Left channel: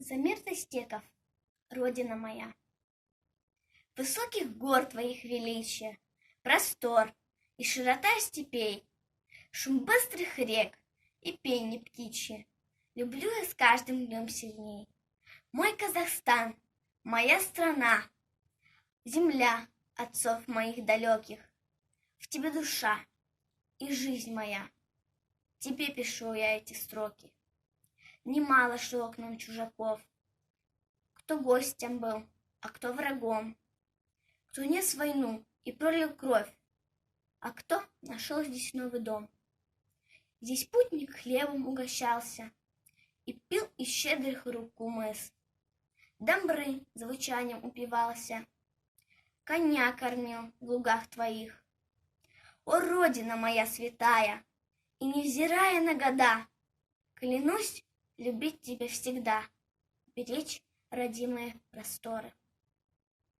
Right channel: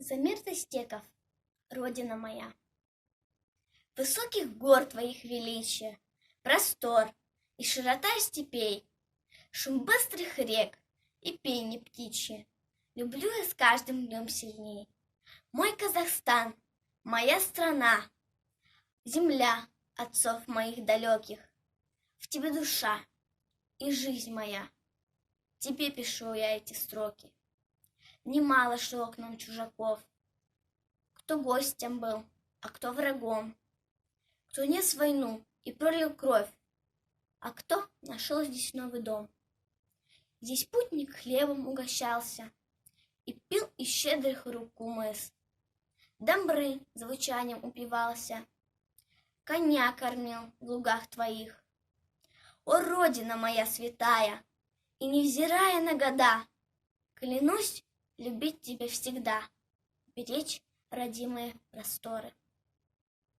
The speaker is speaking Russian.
За мир Тостеков, родина моя. Высоких гор твоих величия, простор и широта степей, шум быстрых рек и пение птичье, люблю я с каждым днем сильней. Мой Казахстан, моя страна, земля отцов моих далеких, в тебе душа и жизнь моя, тебе пишу я эти строки. Немало шло к нам чужаков, кто гостем был, а кто врагом, кто нес войну и пролил кровь, а кто нашел здесь новый дом. Здесь путник хлебом угощался и пил из щедрых рук кумыс. Домбры звучанием упивался, коня кормил в лугах твоих. О, родина моя святая, и невзирая на года, клянусь любить тебя всегда, беречь родимые просторы.